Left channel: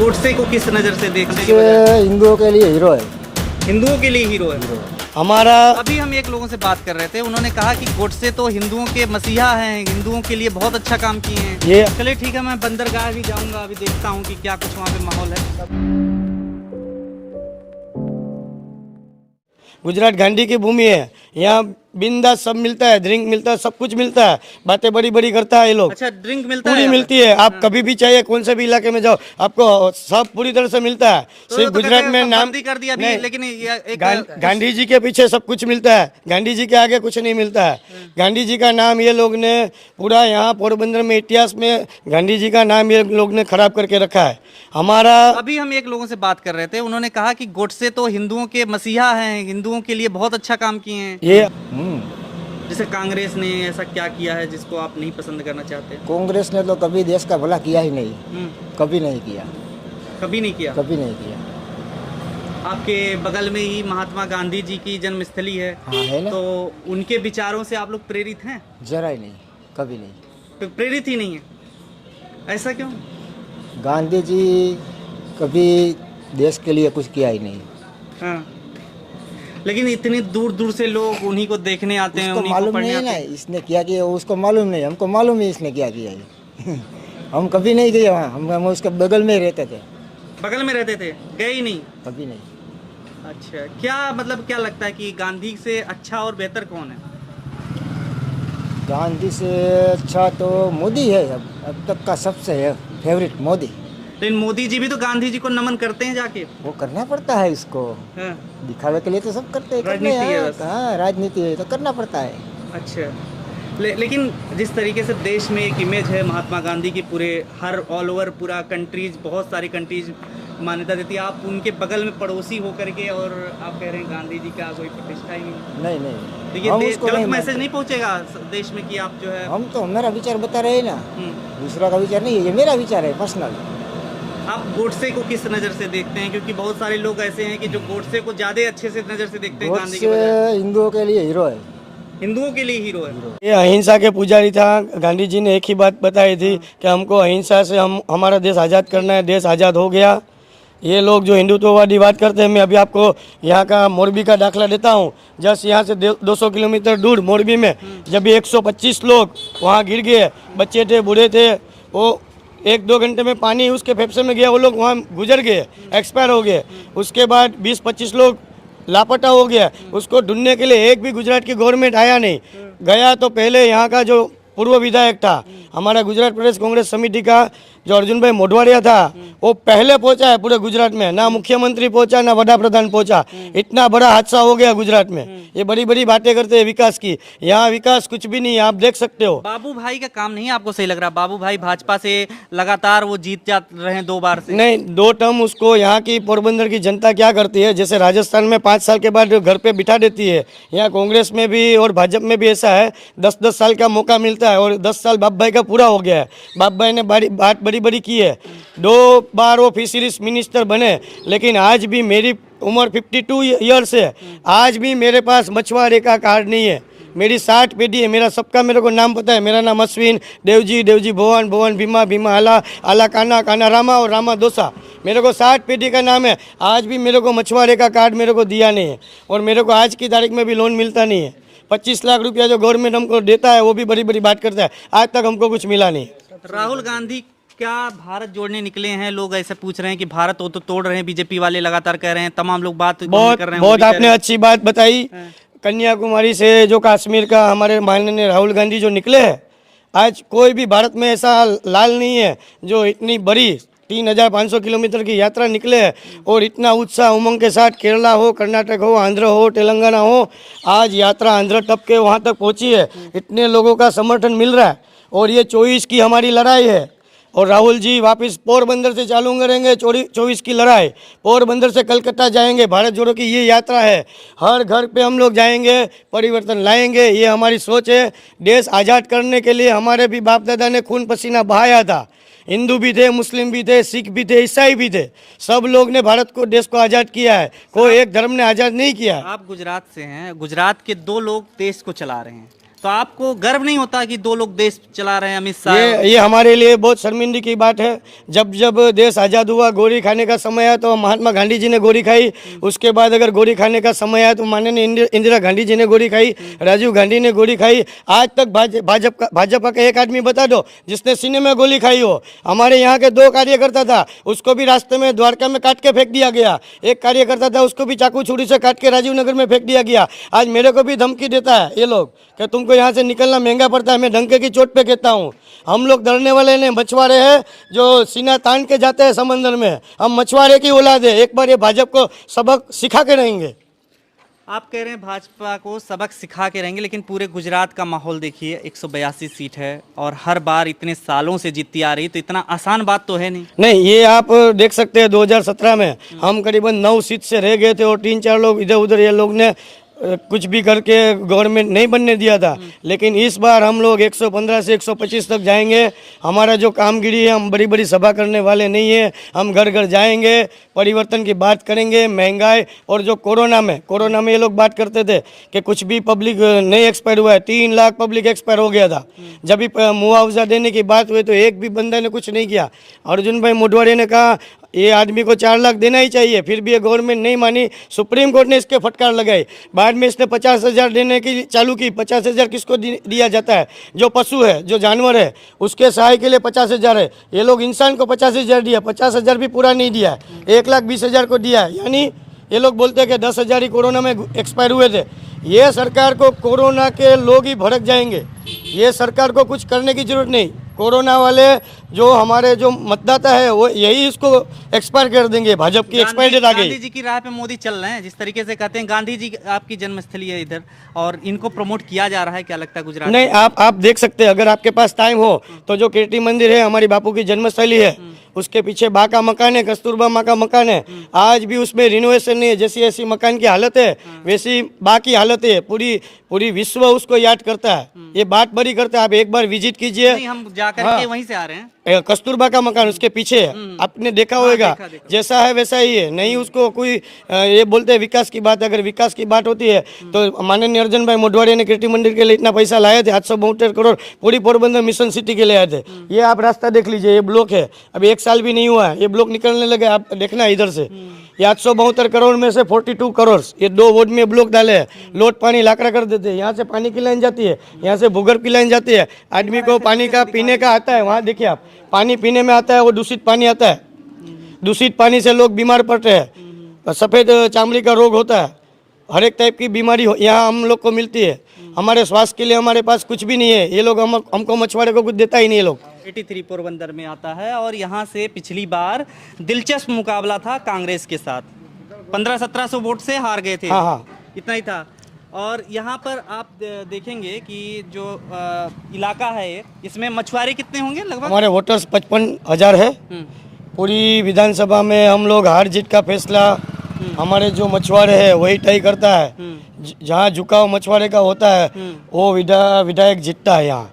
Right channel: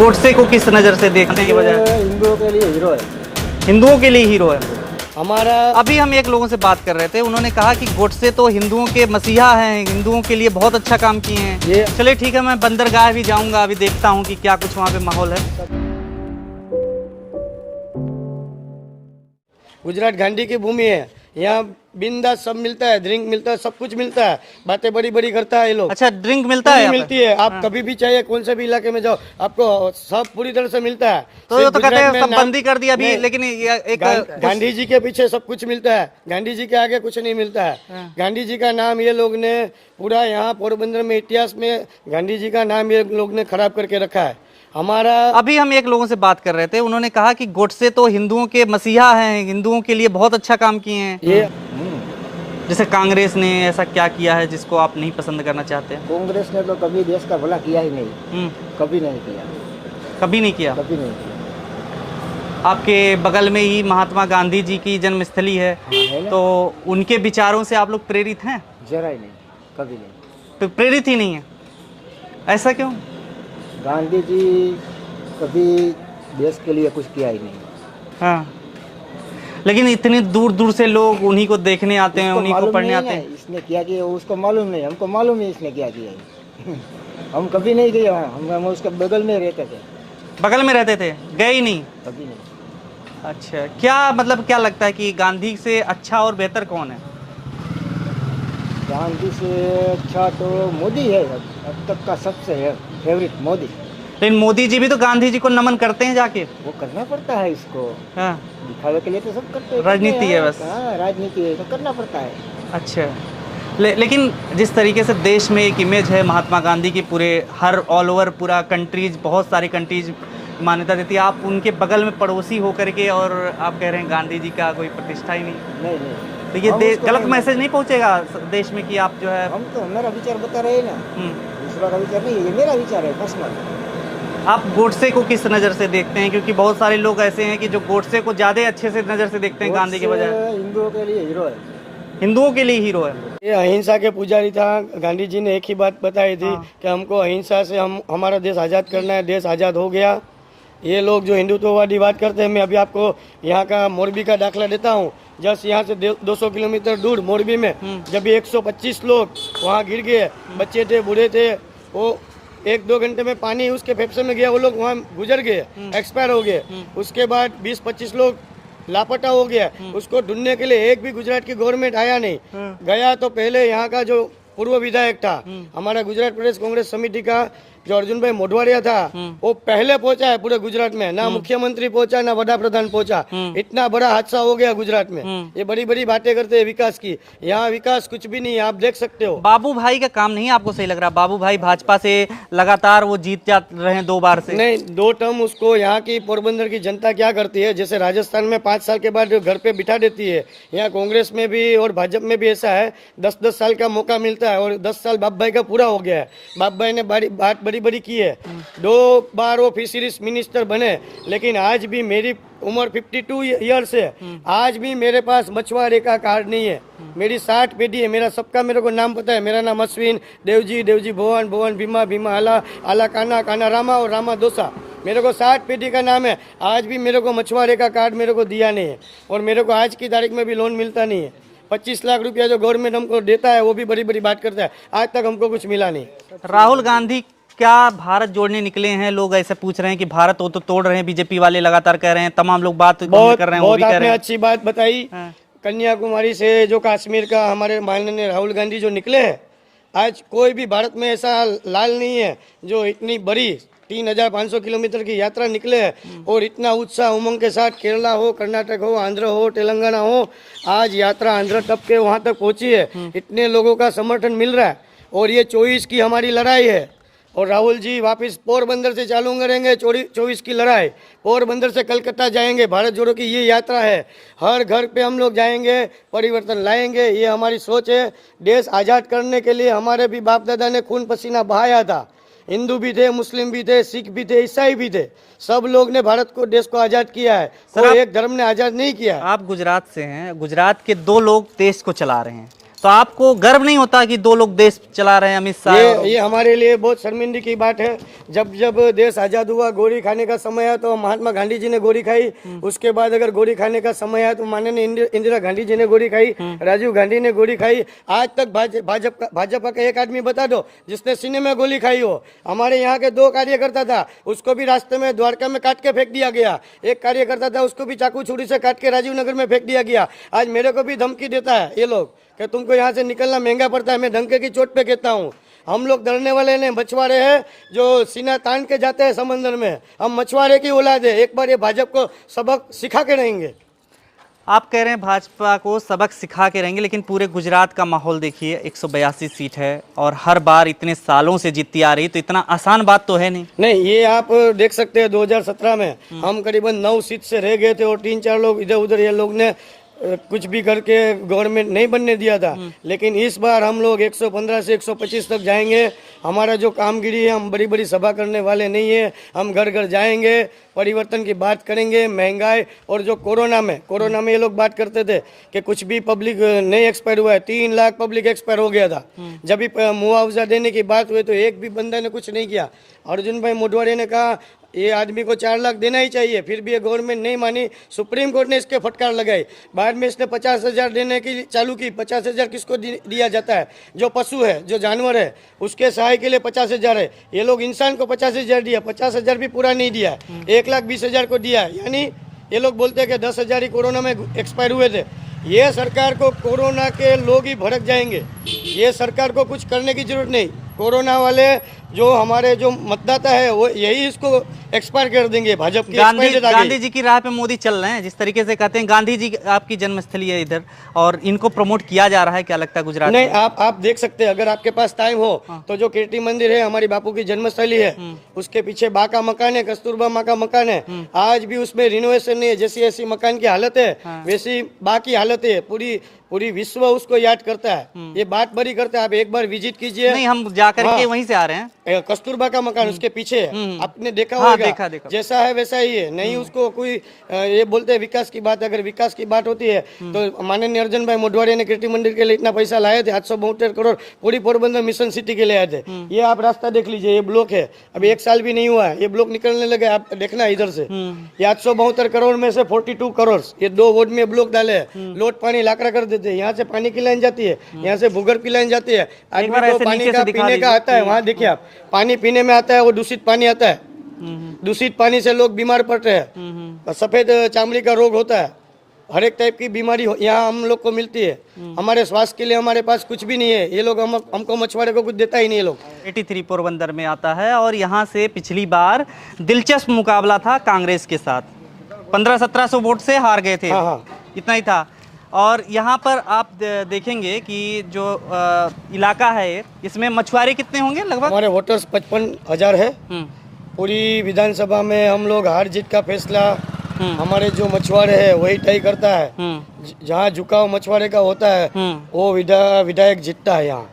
गोडसे को किस नज़र से देखने की वजह है? हिंदुओं के लिए हीरो है। हिंदुओं के लिए हीरो है। हमारा अभी हम एक लोगों से बात कर रहे थे, उन्होंने कहा कि गोडसे तो हिंदुओं के मसीहा हैं, हिंदुओं के लिए बहुत अच्छा काम किए हैं। ये चलिए ठीक है, मैं बंदरगाह भी जाऊंगा, अभी देखता हूँ कि क्या कुछ वहाँ पे माहौल है। गुजरात गांधी की भूमि है। यहाँ बिंदास सब मिलता है, ड्रिंक मिलता है, सब कुछ मिलता है। बातें बड़ी बड़ी करता है ये लोग। अच्छा, ड्रिंक मिलता है पूरी यहाँ पे? मिलती है। आप कभी भी चाहिए कौन से भी इलाके में जाओ, आपको सब पूरी तरह से मिलता है। तो ये सिर्फ तो कहते गुजरात हैं में सब नाम- बंद ही कर दिया अभी, नहीं, लेकिन ये एक गांधी जी के पीछे सब कुछ मिलता है। गांधी जी के आगे कुछ नहीं मिलता है। गांधी जी का नाम ये लोग ने पूरा यहाँ पोरबंदर में इतिहास में गांधी जी का नाम ये लोग ने खराब करके रखा है। हमारा अभी हम एक लोगों से बात कर रहे थे, उन्होंने कहा कि गोडसे तो हिंदुओं के मसीहा हैं, हिंदुओं के लिए बहुत अच्छा काम किए हैं। ये जैसे कांग्रेस ने ऐसा क्या किया है जिसको आप नहीं पसंद करना चाहते हैं? कांग्रेस ने तो कभी देश का भला किया ही नहीं, कभी नहीं किया, कभी नहीं किया। कभी नहीं किया। आपके बगल में ही महात्मा गांधी जी की जन्मस्थली है, है ना? तो उनके विचारों से आप लोग प्रेरित हैं? जरा ही नहीं, कभी नहीं। तो प्रेरित ही नहीं है, ऐसा क्यों? गांधी जी कभी देश के लिए कुछ किया ही नहीं। हाँ, लेकिन इतनी दूर दूर से लोग उन्हीं को देखने आते हैं, इसको उन्हीं को मालूम पढ़ने नहीं आते ना, हैं। इसने क्या किया उसको मालूम नहीं, हमको मालूम है इसने क्या किया है। हम कभी नहीं गए वहाँ, हम उसके बगल में रहते थे, बगल में रहते थे, गए ही नहीं? कभी नहीं। अच्छा, क्या मतलब क्या लगता है कि गांधी से अच्छा और बेहतर कौन है? गांधी से अच्छा तो मोदी है, अब तक का सबसे है फेवरेट मोदी। लेकिन मोदी जी भी तो गांधी जी को नमन करते हैं जाके। वो करना पड़ता है इसको, हाँ, दिखावे के लिए तो सब करते हैं। राजनीति है बस। हाँ, राजनीति है तो करना पड़ता है। अच्छा। लेकिन जिस तरीके से देश में एक इमेज है महात्मा गांधी की, पूरे हर ऑल ओवर पूरा कंट्रीज, बहुत सारी कंट्रीज मान्यता देती है, आप उनके बगल में पड़ोसी होकर के और आप कह रहे हैं गांधी जी का कोई प्रतिष्ठा ही नहीं। नहीं नहीं, तो ये हम उसको गलत नहीं मैसेज नहीं पहुंचेगा देश में कि आप जो है हम तो मेरा विचार बता रहे हैं ना, हम्म, दूसरा का विचार नहीं है, ये मेरा विचार है पर्सनल। आप गोडसे को किस नज़र से देखते हैं? क्योंकि बहुत सारे लोग ऐसे हैं कि जो गोडसे को ज़्यादा अच्छे से नज़र से देखते हैं गांधी के बजाय। हिंदुओं के लिए हीरो है। हिंदुओं के लिए हीरो है। ये अहिंसा के पुजारी था। गांधी जी ने एक ही बात बताई थी कि हमको अहिंसा से हम हमारा देश आज़ाद करना है। देश आज़ाद हो गया। ये लोग जो हिंदुत्ववादी बात करते हैं, मैं अभी आपको यहाँ का मोरबी का दाखला देता हूँ। जस्ट यहाँ से 200 किलोमीटर दूर मोरबी में जब भी 125 लोग वहाँ गिर गए, बच्चे थे, बूढ़े थे, वो 1-2 घंटे में पानी उसके फेफड़े में गया, वो लोग वहाँ गुजर गए, एक्सपायर हो गए। उसके बाद 20-25 लोग लापता हो गया। उसको ढूंढने के लिए एक भी गुजरात की गवर्नमेंट आया नहीं। गया तो पहले यहाँ का जो पूर्व विधायक था हमारा गुजरात प्रदेश कांग्रेस समिति का, जो अर्जुन भाई मोढवाडिया था, वो पहले पहुंचा है पूरे गुजरात में। ना मुख्यमंत्री पहुंचा, ना वड़ा प्रधान पहुंचा। इतना बड़ा हादसा हो गया गुजरात में। ये बड़ी बड़ी बातें करते हैं विकास की, यहाँ विकास कुछ भी नहीं है, आप देख सकते हो। बाबू भाई का काम नहीं आपको सही लग रहा? बाबू भाई भाजपा से लगातार वो जीत जा रहे हैं 2 बार से। नहीं, 2 टर्म उसको यहाँ की पोरबंदर की जनता क्या करती है, जैसे राजस्थान में 5 साल के बाद घर पे बिठा देती है, यहाँ कांग्रेस में भी और भाजपा में भी ऐसा है। 10-10 साल का मौका मिलता है और 10 साल बाप भाई का पूरा हो गया है। बाप भाई ने बात बड़ी बड़ी की है, 2 बार वो फिशरीज मिनिस्टर बने, लेकिन आज भी मेरी उम्र 52 ईयर्स है, आज भी मेरे पास मछुआरे का कार्ड नहीं है। मेरी 60 पीढ़ी है, मेरा सबका मेरे को नाम पता है। मेरा नाम अश्विन, देवजी भुवन, भुवन भीमा, आला काना रामा और रामा दोसा। मेरे को 60 पीढ़ी का नाम है। आज भी मेरे को मछुआरे का कार्ड मेरे को दिया नहीं है और मेरे को आज की तारीख में भी लोन मिलता नहीं है। 25 लाख रुपया जो गवर्नमेंट हमको देता है वो भी बड़ी बड़ी बात करता है, आज तक हमको कुछ मिला नहीं। राहुल गांधी क्या भारत जोड़ने निकले हैं? लोग ऐसे पूछ रहे हैं कि भारत वो तो तोड़ रहे हैं, बीजेपी वाले लगातार कह रहे हैं, तमाम लोग बात कर रहे हैं। वो बहुत भी कह रहे आपने हैं। अच्छी बात बताई। कन्याकुमारी से जो कश्मीर का हमारे माननीय राहुल गांधी जो निकले हैं, आज कोई भी भारत में ऐसा लाल नहीं है जो इतनी बड़ी 3500 किलोमीटर की यात्रा निकले हैं और इतना उत्साह उमंग के साथ, केरला हो, कर्नाटक हो, आंध्र हो, तेलंगाना हो, आज यात्रा आंध्र टप के वहाँ तक पहुँची है। इतने लोगों का समर्थन मिल रहा है और ये 24 की हमारी लड़ाई है। और राहुल जी वापस पोरबंदर से चालू करेंगे 24 की लड़ाई। पोरबंदर से कलकत्ता जाएंगे, भारत जोड़ो की ये यात्रा है। हर घर पे हम लोग जाएंगे, परिवर्तन लाएंगे, ये हमारी सोच है। देश आज़ाद करने के लिए हमारे भी बाप दादा ने खून पसीना बहाया था। हिंदू भी थे, मुस्लिम भी थे, सिख भी थे, ईसाई भी थे, सब लोग ने भारत को, देश को आज़ाद किया है। कोई एक धर्म ने आज़ाद नहीं किया। आप गुजरात से हैं, गुजरात के 2 लोग देश को चला रहे हैं, तो आपको गर्व नहीं होता कि दो लोग देश चला रहे हैं, अमित शाह? ये हमारे लिए बहुत शर्मिंदगी की बात है। जब जब देश आज़ाद हुआ, गोली खाने का समय आया तो महात्मा गांधी जी ने गोली खाई। उसके बाद अगर गोली खाने का समय आया तो माननीय इंदिरा गांधी जी ने गोली खाई, राजीव गांधी ने गोली खाई। आज तक भाजपा का एक आदमी बता दो जिसने सीने में गोली खाई हो। हमारे यहाँ के 2 कार्यकर्ता था, उसको भी रास्ते में द्वारका में काट के फेंक दिया गया। एक कार्यकर्ता था, उसको भी चाकू छुरी से काट के राजीव नगर में फेंक दिया गया। आज मेरे को भी धमकी देता है ये लोग कि तुमको यहाँ से निकलना महंगा पड़ता है। मैं डंके की चोट पे कहता हूँ, हम लोग डरने वाले नहीं, मछुआरे हैं जो सीना तान के जाते हैं समंदर में। हम मछुआरे की औलाद है। एक बार ये भाजपा को सबक सिखा के रहेंगे। आप कह रहे हैं भाजपा को सबक सिखा के रहेंगे, लेकिन पूरे गुजरात का माहौल देखिए, 182 सीट है और हर बार इतने सालों से जीतती आ रही, तो इतना आसान बात तो है नहीं। नहीं, ये आप देख सकते हैं 2017 में हम करीबन 9 सीट से रह गए थे और 3-4 लोग इधर उधर ये लोग ने कुछ भी करके गवर्नमेंट नहीं बनने दिया था। लेकिन इस बार हम लोग 115 से 125 तक जाएंगे। हमारा जो कामगिरी है, हम बड़ी बड़ी सभा करने वाले नहीं है। हम घर घर जाएंगे, परिवर्तन की बात करेंगे। महंगाई और जो कोरोना में ये लोग बात करते थे कि कुछ भी पब्लिक नहीं एक्सपायर हुआ है। 3 लाख पब्लिक एक्सपायर हो गया था। जब भी मुआवजा देने की बात हुई तो एक भी बंदा ने कुछ नहीं किया। अर्जुन भाई मोढवाड़ी ने कहा ये आदमी को 4 लाख देना ही चाहिए, फिर भी ये गवर्नमेंट नहीं मानी। सुप्रीम कोर्ट ने इसके फटकार लगाई। बाद में इसने 50,000 देने की चालू की। 50,000 किसको दिया जाता है? जो पशु है, जो जानवर है, उसके सहाय के लिए 50,000 है। ये लोग इंसान को 50,000 दिया, 50,000 भी पूरा नहीं दिया, 1,20,000 को दिया। यानी ये लोग बोलते हैं कि 10,000 ही कोरोना में एक्सपायर हुए थे। ये सरकार को कोरोना के लोग ही भड़क जाएंगे। ये सरकार को कुछ करने की जरूरत नहीं। कोरोना वाले जो हमारे जो मतदाता है वो यही इसको एक्सपायर कर देंगे। भाजपा की एक्सपायर गांधी जी की राह पे मोदी चल रहे हैं, जिस तरीके से कहते हैं। गांधी जी आपकी जन्मस्थली है इधर और इनको प्रमोट किया जा रहा है, क्या लगता है गुजरात नहीं? आप देख सकते हैं, अगर आपके पास टाइम हो तो जो कीर्ति मंदिर है, हमारी बापू की जन्मस्थली है, उसके पीछे बा का मकान है, कस्तूरबा माँ का मकान है। आज भी उसमें रिनोवेशन नहीं है। जैसी ऐसी मकान की हालत है वैसी बा की हालत है। पूरी विश्व उसको याद करता है। ये बात बड़ी करता है। आप एक बार विजिट कीजिए। नहीं, हम जाकर के वहीं से आ रहे हैं। कस्तूरबा का मकान उसके पीछे है, आपने देखा होगा। देखा। जैसा है वैसा ही है। नहीं उसको कोई ये बोलते हैं विकास की बात। अगर विकास की बात होती है तो माननीय अर्जुन भाई मोढवाड़ी ने कीर्ति मंदिर के लिए इतना पैसा लाए थे, 872 करोड़ पूरी पोरबंदर मिशन सिटी के लिए आए थे। ये आप रास्ता देख लीजिए, ये ब्लॉक है, अभी 1 साल भी नहीं हुआ है, ये ब्लॉक निकलने लगे। आप देखना इधर से, ये 872 करोड़ में से 42 करोड़ ये 2 वार्ड में ब्लॉक डाले हैं। लोट पानी लाकड़ा कर देते हैं। यहाँ से पानी की लाइन जाती है, यहाँ से भूगर्भ की लाइन जाती है। आदमी को पानी का पीने का आता है, वहाँ देखिए आप, पानी पीने में आता है, वो दूषित पानी आता है। दूषित पानी से लोग बीमार पड़ते हैं, सफेद चमड़ी का रोग होता है, हर एक टाइप की बीमारी यहाँ हम लोग को मिलती है। हमारे स्वास्थ्य के लिए हमारे पास कुछ भी नहीं है। ये लोग हमको मछुआरे को कुछ देता ही नहीं है। लोग 83 पोरबंदर में आता है और यहाँ से पिछली बार दिलचस्प मुकाबला था कांग्रेस के साथ। 1500-1700 वोट से हार गए थे। इतना ही था। और यहाँ पर आप देखेंगे कि जो इलाका है इसमें मछुआरे कितने होंगे लगभग? हमारे वोटर्स 55,000 है। पूरी विधानसभा में हम लोग हार जीत का फैसला हमारे जो मछुआरे है वही तय करता है। जहाँ झुकाव मछुआरे का होता है वो विधायक जीतता है यहाँ।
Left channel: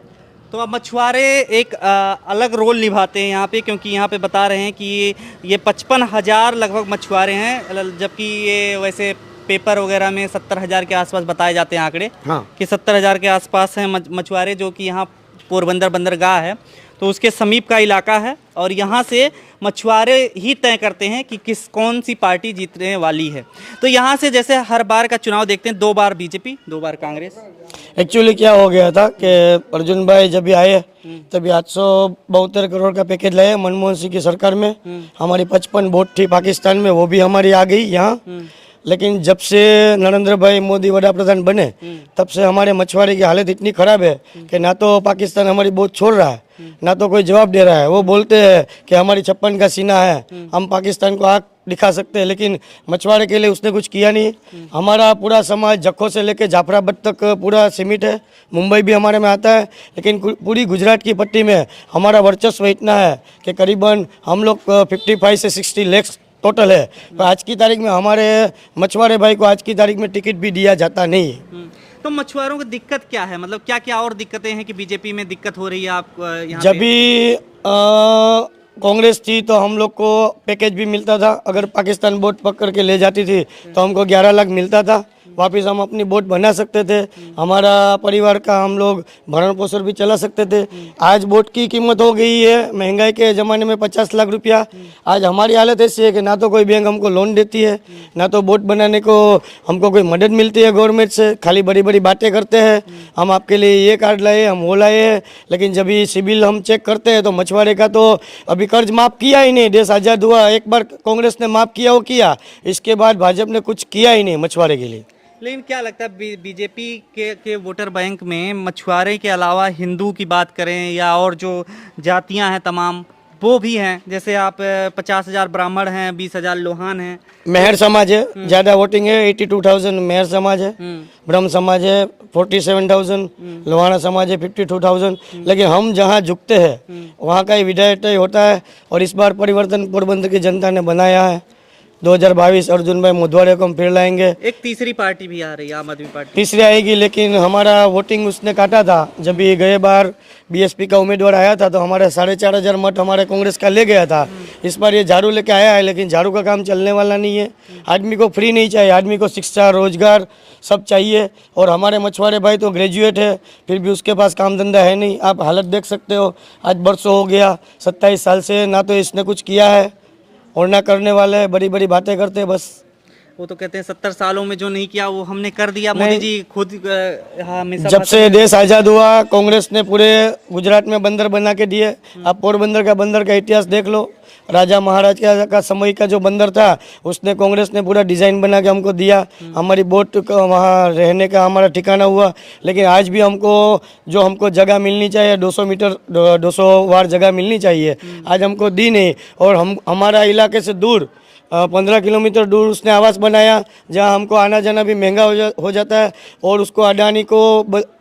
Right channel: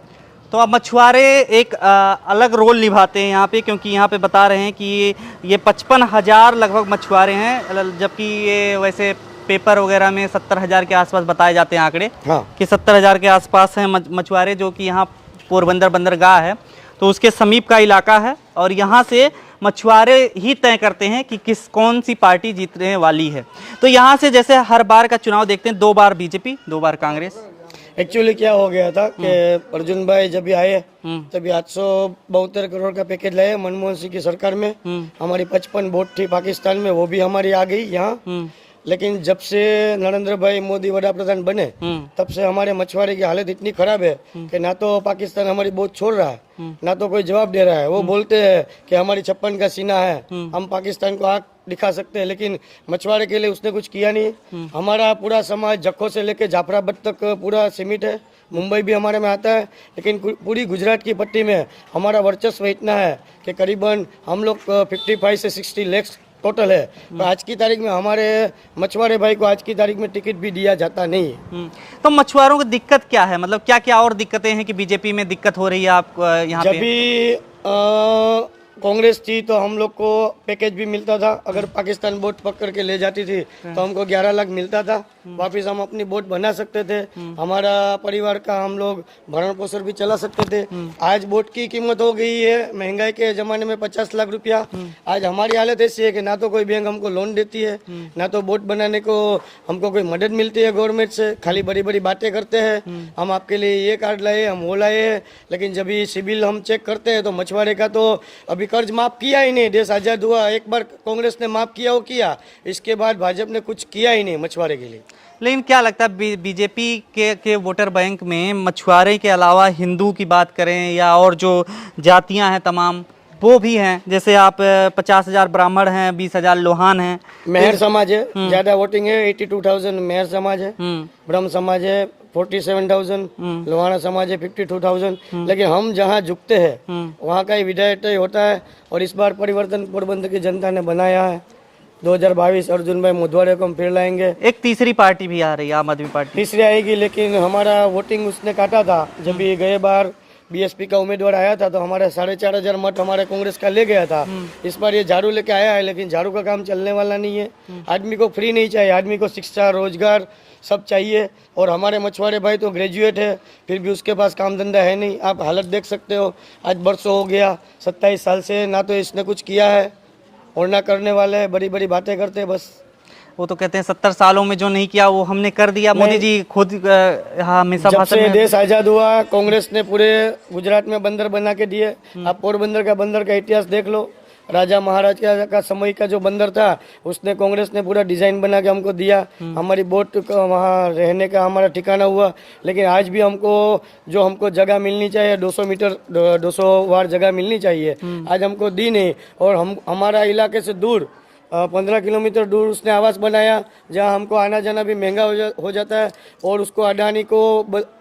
तो अब मछुआरे एक अलग रोल निभाते हैं यहाँ पे, क्योंकि यहाँ पे बता रहे हैं कि ये 55,000 लगभग मछुआरे हैं, जबकि ये वैसे पेपर वगैरह में 70,000 के आसपास बताए जाते हैं आंकड़े। कि 70,000 के आसपास हैं मछुआरे, जो कि यहाँ पोरबंदर बंदरगाह है तो उसके समीप का इलाका है। और यहाँ से मछुआरे ही तय करते हैं कि कौन सी पार्टी जीतने वाली है। तो यहाँ से जैसे हर बार का चुनाव देखते हैं, 2 बार बीजेपी, 2 बार कांग्रेस। एक्चुअली क्या हो गया था कि अर्जुन भाई जब भी आए तभी 872 करोड़ का पैकेज लाए मनमोहन सिंह की सरकार में। हमारी 55 वोट थी पाकिस्तान में, वो भी हमारी आ गई यहाँ। लेकिन जब से नरेंद्र भाई मोदी वड़ा प्रधान बने तब से हमारे मछुआरे की हालत इतनी खराब है कि ना तो पाकिस्तान हमारी बोझ छोड़ रहा है, ना तो कोई जवाब दे रहा है। वो बोलते हैं कि हमारी 56 का सीना है, हम पाकिस्तान को आग दिखा सकते हैं, लेकिन मछुआरे के लिए उसने कुछ किया नहीं। हमारा पूरा समाज जखो से लेके जाफराबाद तक पूरा सीमित है। मुंबई भी हमारे में आता है, लेकिन पूरी गुजरात की पट्टी में हमारा वर्चस्व इतना है कि करीबन हम लोग 55 से 60 लाख टोटल है। पर आज की तारीख में हमारे मछुआरे भाई को आज की तारीख में टिकट भी दिया जाता नहीं है। तो मछुआरों की दिक्कत क्या है? मतलब क्या क्या और दिक्कतें हैं कि बीजेपी में दिक्कत हो रही है आपको यहाँ पे? जब भी कांग्रेस थी तो हम लोग को पैकेज भी मिलता था। अगर पाकिस्तान बोट पकड़ के ले जाती थी तो हमको 11 लाख मिलता था। वापस हम अपनी बोट बना सकते थे, हमारा परिवार का हम लोग भरण पोषण भी चला सकते थे। आज बोट की कीमत हो गई है महंगाई के ज़माने में 50 लाख रुपया। आज हमारी हालत ऐसी है कि ना तो कोई बैंक हमको लोन देती है, ना तो बोट बनाने को हमको कोई मदद मिलती है गवर्नमेंट से। खाली बड़ी बड़ी बातें करते हैं, हम आपके लिए ये कार्ड लाए, हम वो लाए हैं, लेकिन जब ये सिविल हम चेक करते हैं तो मछुआरे का तो अभी कर्ज माफ़ किया ही नहीं। देश आज़ाद हुआ, एक बार कांग्रेस ने माफ़ किया वो किया, इसके बाद भाजपा ने कुछ किया ही नहीं मछुआरे के लिए। लेकिन क्या लगता है बीजेपी के वोटर बैंक में मछुआरे के अलावा हिंदू की बात करें या और जो जातियां हैं तमाम वो भी हैं, जैसे आप 50,000 ब्राह्मण हैं, 20,000 लोहान हैं, मेहर समाज है, ज्यादा वोटिंग है, 82,000 मेहर समाज है, ब्रह्म समाज है 47,000, लोहाना समाज है 52,000। लेकिन हम जहाँ झुकते हैं वहाँ का ही विधायक तय होता है। और इस बार परिवर्तन पोरबंदर की जनता ने बनाया है। 2022 अर्जुन भाई मोढवाड़े को हम फिर लाएंगे। एक तीसरी पार्टी भी आ रही है, आम आदमी पार्टी तीसरी आएगी, लेकिन हमारा वोटिंग उसने काटा था। जब भी गए बार बीएसपी का उम्मीदवार आया था तो हमारे 4,500 मत हमारे कांग्रेस का ले गया था। इस बार ये झाड़ू लेके आया है, लेकिन झाड़ू का काम चलने वाला नहीं है। आदमी को फ्री नहीं चाहिए, आदमी को शिक्षा रोजगार सब चाहिए। और हमारे मछुआरे भाई तो ग्रेजुएट है, फिर भी उसके पास काम धंधा है नहीं। आप हालत देख सकते हो, आज बरसों हो गया, 27 साल से ना तो इसने कुछ किया है और ना करने वाले हैं, बड़ी बड़ी बातें करते हैं बस। वो तो कहते हैं 70 सालों में जो नहीं किया वो हमने कर दिया। मोदी जी खुद हमेशा जब से देश आज़ाद हुआ कांग्रेस ने पूरे गुजरात में बंदर बना के दिए। आप पोरबंदर का इतिहास देख लो, राजा महाराज का समय का जो बंदर था उसने कांग्रेस ने पूरा डिज़ाइन बना के हमको दिया। हमारी बोट वहाँ रहने का हमारा ठिकाना हुआ। लेकिन आज भी हमको जगह मिलनी चाहिए, 200 मीटर 200 वार जगह मिलनी चाहिए, आज हमको दी नहीं। और हमारा इलाके से दूर 15 किलोमीटर दूर उसने आवास बनाया जहां हमको आना जाना भी महंगा हो जाता है। और उसको अडानी को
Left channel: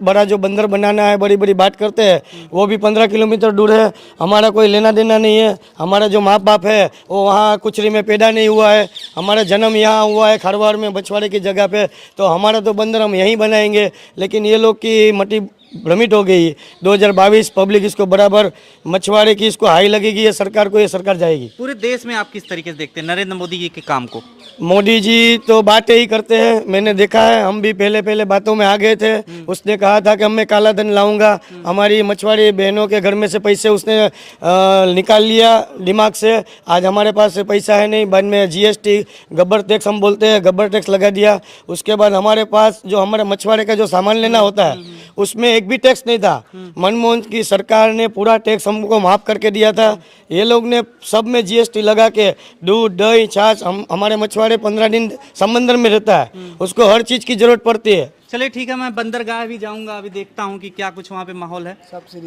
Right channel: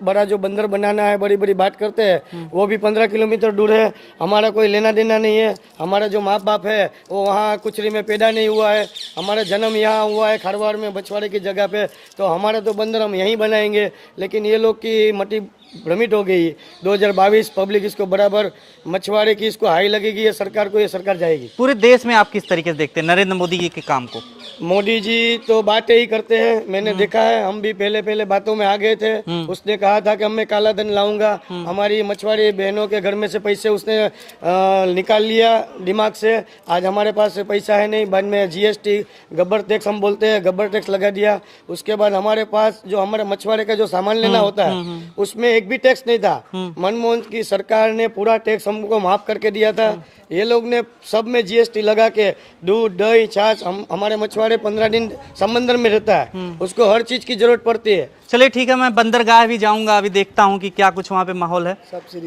बड़ा जो बंदर बनाना है, बड़ी बड़ी बात करते हैं, वो भी 15 किलोमीटर दूर है। हमारा कोई लेना देना नहीं है। हमारा जो माँ बाप है वो वहाँ कुचरी में पैदा नहीं हुआ है, हमारा जन्म यहाँ हुआ है खारवाड़ में मछुआरे की जगह पे। तो हमारा तो बंदर हम यहीं बनाएंगे। लेकिन ये लोग की मटी भ्रमित हो गई। 2022 पब्लिक इसको बराबर मछुआरे की इसको हाई लगेगी, ये सरकार जाएगी। पूरे देश में आप किस तरीके से देखते हैं नरेंद्र मोदी जी के काम को? मोदी जी तो बातें ही करते हैं, मैंने देखा है। हम भी पहले बातों में आ गए थे। उसने कहा था कि मैं काला धन लाऊंगा, हमारी मछुआरी बहनों के घर में से पैसे उसने निकाल लिया दिमाग से। आज हमारे पास पैसा है नहीं। बाद में जीएसटी गब्बर टैक्स हम बोलते हैं, गब्बर टैक्स लगा दिया। उसके बाद हमारे पास जो हमारे मछुआरे का जो सामान लेना होता है उसमें एक भी टैक्स नहीं था। मनमोहन की सरकार ने पूरा टैक्स हमको माफ करके दिया था। ये लोग ने सब में जीएसटी लगा के दूध दही छाछ, हमारे मछुआरे 15 दिन समंदर में रहता है, उसको हर चीज की जरूरत पड़ती है। चलिए ठीक है, मैं बंदरगाह भी जाऊंगा, अभी देखता हूँ कि क्या कुछ वहाँ पे माहौल है।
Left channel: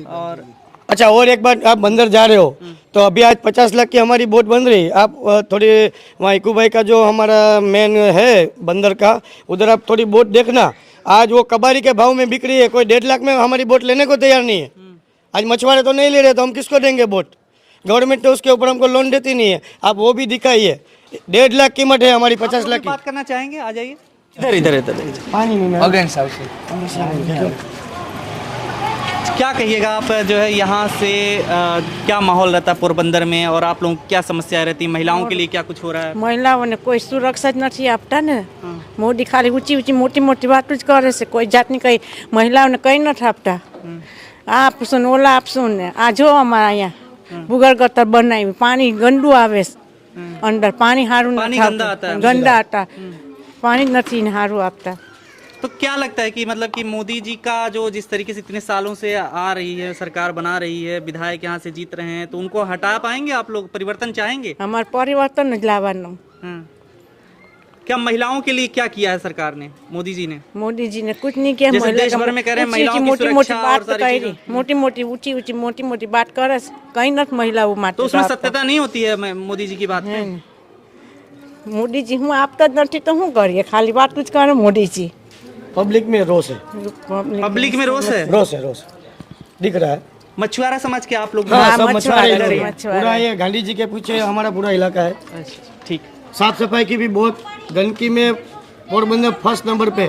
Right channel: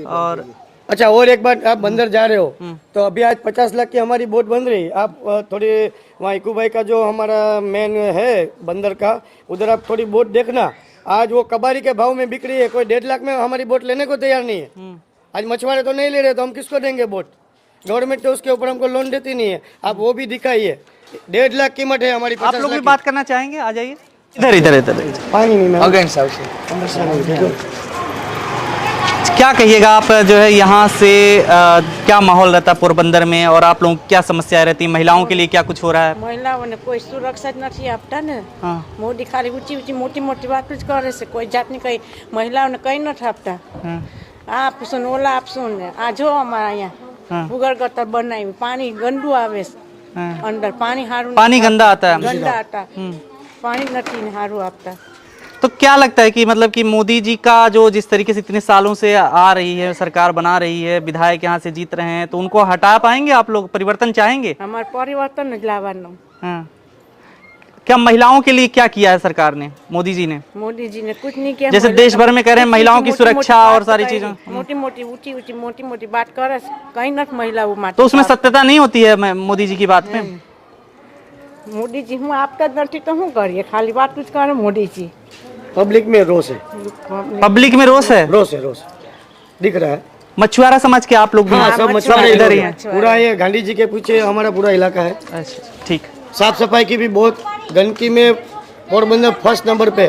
और अच्छा, और एक बात, आप बंदर जा रहे हो तो अभी आज 50 लाख की हमारी बोट बन रही। आप थोड़ी वहाँ इकू भाई का जो हमारा मेन है बंदर का, उधर आप थोड़ी बोट देखना। आज वो कबाड़ी के भाव में बिक रही है, कोई 1.5 लाख में हमारी बोट लेने को तैयार नहीं है। आज मछुआरे तो नहीं ले रहे, तो हम किसको देंगे बोट? गवर्नमेंट तो उसके ऊपर हमको लोन देती नहीं है। आप वो भी दिखाइए, 1.5 लाख कीमत है हमारी, 50 लाख की। बात करना चाहेंगे? आ जाइए इधर। पानी नहीं क्या कहिएगा आप, जो है यहाँ से क्या माहौल रहता है पोरबंदर में, और आप लोगों की क्या समस्याएं रहती हैं? महिलाओं के लिए क्या कुछ हो रहा है? महिलाओं ने कोई सुरक्षा नहीं आपता ने। मोदी खाली ऊंची मोटी बात करे से कोई जात नहीं, कही महिलाओं ने कहीं न आपता। आप सुन ओला, आप सुन आज हो हमारा यहाँ बुगर गतर बनाई, पानी गंदू आवे अंदर, पानी हारू, पानी गंदा आता है, गंदा आता, पानी नहीं हारू आपता। तो क्या लगता है कि मतलब कि मोदी जी का जो जिस तरीके से इतने सालों से आ रही है, सरकार बना रही है, विधायक यहाँ से जीत रहे हैं, तो उनको हटा पाएंगे आप लोग? परिवर्तन चाहेंगे? हमारे परिवर्तन लावानो। हाँ। क्या महिलाओं के लिए क्या किया है सरकार ने, मोदी जी ने? मोदी जी ने कुछ नहीं किया। जैसे देश भर में कह रहे हैं महिलाओं की सुरक्षा और सारी चीजें, मोटी बात करे कहीं न महिला वो, तो उसमें सत्यता नहीं होती है मोदी जी की बात में? मोदी जी हूँ आप नहीं तो हूँ करिए, खाली बात कुछ करे मोदी जी। पब्लिक में रोष है, पब्लिक में रोष है, रोष दिख रहा है। मछुआरा समाज के आप लोग भी? हाँ, सब मछुआरे इधर ही हैं। पूरा ये गांधी जी के पीछे हमारा पूरा इलाका है। अच्छा, ठीक। साफ सफाई की भी बहुत, गंदगी में पोरबंदर फर्स्ट नंबर पे।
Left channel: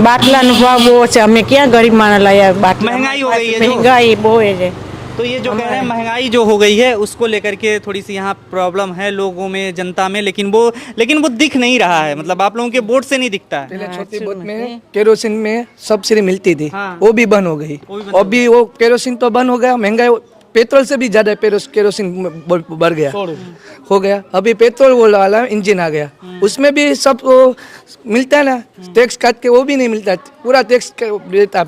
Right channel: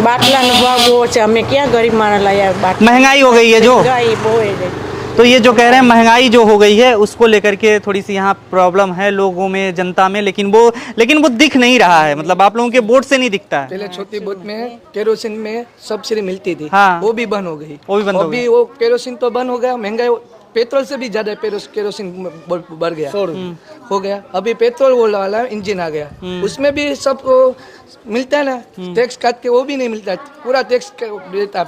बाटला वो हमें क्या गरीब माना लाया, महंगाई हो गई है जो महंगाई वो है। तो ये जो कह रहे हैं महंगाई जो हो गई है उसको लेकर के थोड़ी सी यहाँ प्रॉब्लम है लोगों में, जनता में, लेकिन वो दिख नहीं रहा है, मतलब आप लोगों के बोर्ड से नहीं दिखता है। पहले छोटी बोट में केरोसिन में सब्सिडी मिलती थी, हाँ। वो भी बंद हो गई। वो भी बंद हो अभी वो केरोसिन तो बंद हो गया, महंगाई पेट्रोल से भी ज्यादा केरोसिन बढ़ गया, हो गया। अभी पेट्रोल वाला इंजन आ गया, उसमें भी सब मिलता है ना, टैक्स काट के वो भी नहीं मिलता है, पूरा टैक्स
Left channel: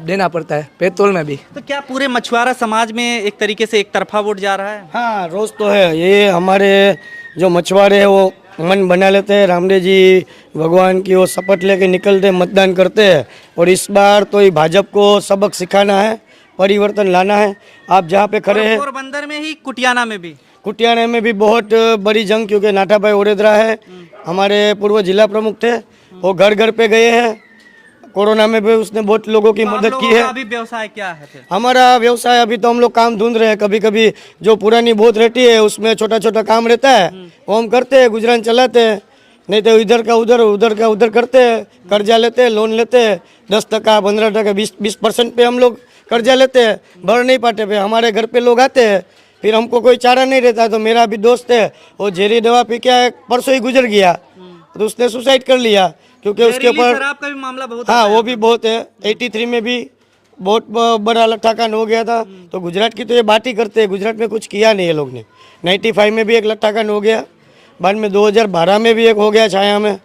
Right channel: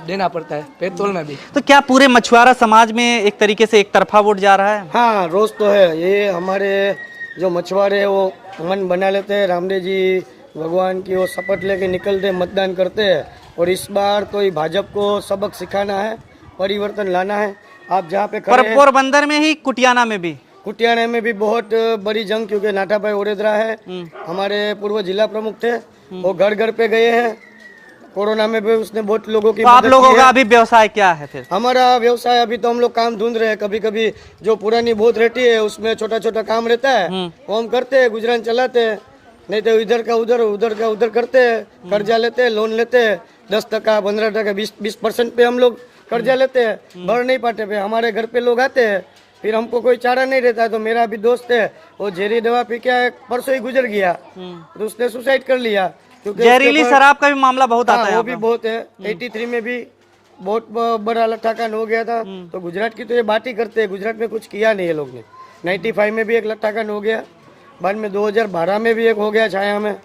देना पड़ता है पेट्रोल में भी। तो क्या पूरे मछुआरा समाज में एक तरीके से एक तरफा वोट जा रहा है? हाँ, रोज तो है। ये हमारे जो मछुआरे हैं वो मन बना लेते हैं, रामदेव जी भगवान की वो शपथ लेके निकलते मतदान करते हैं। और इस बार तो ये भाजपा को सबक सिखाना है, परिवर्तन लाना है। आप जहाँ पे खड़े हैं, पोरबंदर में ही, कुटियाना में भी, कुटियाना में भी बहुत बड़ी जंग, क्योंकि नाटा भाई ओडेदरा है हमारे पूर्व जिला प्रमुख थे, वो घर घर पे गए हैं। कोरोना में भी उसने बहुत लोगों की तो आप मदद लोगों की का है। अभी व्यवसाय क्या है फिर? हमारा व्यवसाय अभी तो हम लोग काम ढूंढ रहे हैं, कभी कभी जो पुरानी बोट रहती है उसमें छोटा छोटा काम रहता है वो हम करते हैं, गुजरान चलाते हैं। नहीं तो इधर का उधर, उधर का उधर करते हैं, कर्जा लेते हैं, लोन लेते हैं, 10%, 15%, 20% पे हम लोग कर्जा लेते हैं, भर नहीं पाते पे हमारे घर पे लोग आते हैं, फिर हमको कोई चारा नहीं रहता। तो मेरा भी दोस्त है, वो जहरी दवा पी के परसों ही गुजर गया, तो उसने सुसाइड कर लिया, क्योंकि उसके जहरीली ऊपर शराब का भी मामला बहुत हाँ आता है वो भी बहुत है। 83 में भी बहुत बड़ा लट्ठाकांड हो गया था। तो गुजरात की तो ये बात ही करते हैं, गुजरात में कुछ किया नहीं है लोग ने। 95 में भी एक लट्ठाकांड हो गया, बाद में 2012 में भी एक हो गया छाया में।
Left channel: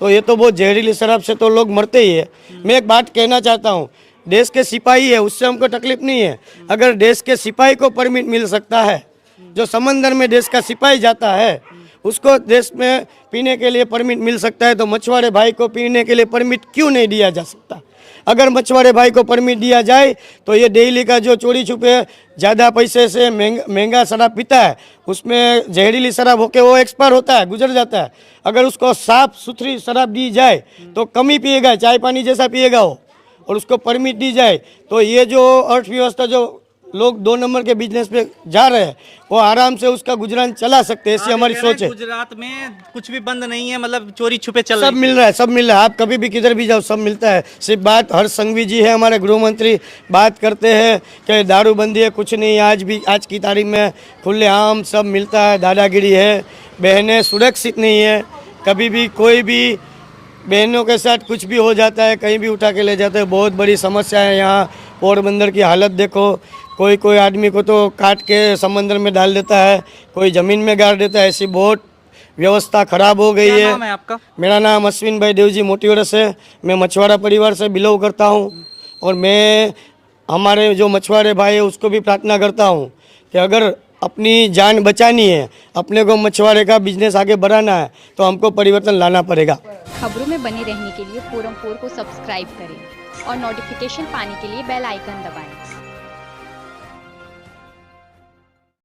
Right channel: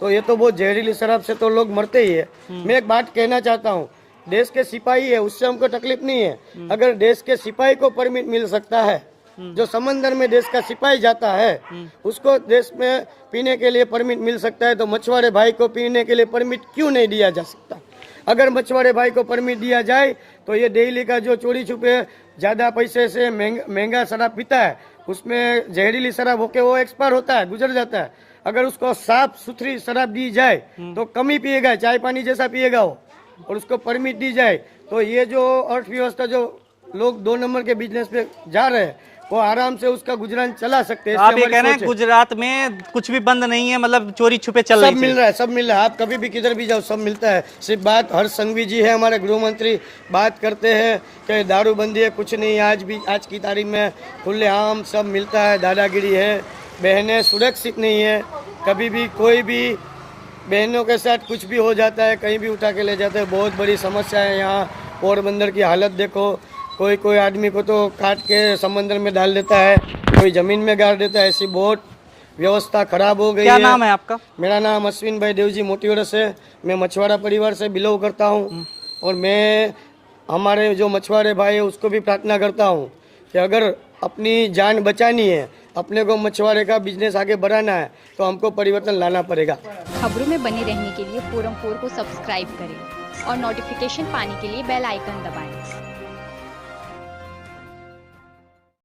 तो ये तो बहुत जहरीली शराब से तो लोग मरते ही है। मैं एक बात कहना चाहता हूँ, देश के सिपाही है उससे हमको तकलीफ नहीं है। अगर देश के सिपाही को परमिट मिल सकता है, जो समंदर में देश का सिपाही जाता है उसको देश में पीने के लिए परमिट मिल सकता है, तो मछुआरे भाई को पीने के लिए परमिट क्यों नहीं दिया जा सकता? अगर मछुआरे भाई को परमिट दिया जाए तो ये डेली का जो चोरी छुपे ज़्यादा पैसे से महंगा शराब पीता है, उसमें जहरीली शराब होके वो एक्सपायर होता है, गुजर जाता है। अगर उसको साफ सुथरी शराब दी जाए तो कम ही पिएगा, चाय पानी जैसा पिएगा वो, और उसको परमिट दी जाए तो ये जो अर्थव्यवस्था जो लोग 2 नंबर के बिजनेस पे जा रहे हैं वो आराम से उसका गुजरान चला सकते हैं। आप ऐसी ये हमारी कह रहे सोच हैं है। गुजरात में कुछ भी बंद नहीं है, मतलब चोरी छुपे चल सब रही मिल रहा है, सब मिल रहा है। आप कभी भी किधर भी जाओ सब मिलता है। सिर्फ बात हर्ष संघवी जी है हमारे गृह मंत्री, बात करते हैं कि दारूबंदी है, कुछ नहीं। आज की तारीख में खुलेआम सब मिलता है, दादागिरी है। बहनें सुरक्षित नहीं है, कभी भी कोई भी बहनों के साथ कुछ भी हो जाता है, कहीं भी उठा के ले जाते हैं। बहुत बड़ी समस्या है यहाँ। पोरबंदर की हालत देखो, कोई आदमी को तो काट के समंदर में डाल देता है, कोई ज़मीन में गाड़ देता है। ऐसी बहुत व्यवस्था खराब हो गई है। क्या नाम है आपका? मेरा नाम अश्विन भाई देवजी मोतीवरस है। मैं मछुआरा परिवार से बिलोंग करता हूँ, और मैं हमारे जो मछुआरे भाई है उसको भी प्रार्थना करता हूँ कि अगर अपनी जान बचानी है, अपने को मछुआरे का बिजनेस आगे बढ़ाना है, तो हमको परिवर्तन लाना पड़ेगा। खबरों में बने रहने के लिए फोरम 4 को सब्सक्राइब करें और नोटिफिकेशन पाने के लिए बेल आइकन दबाएं।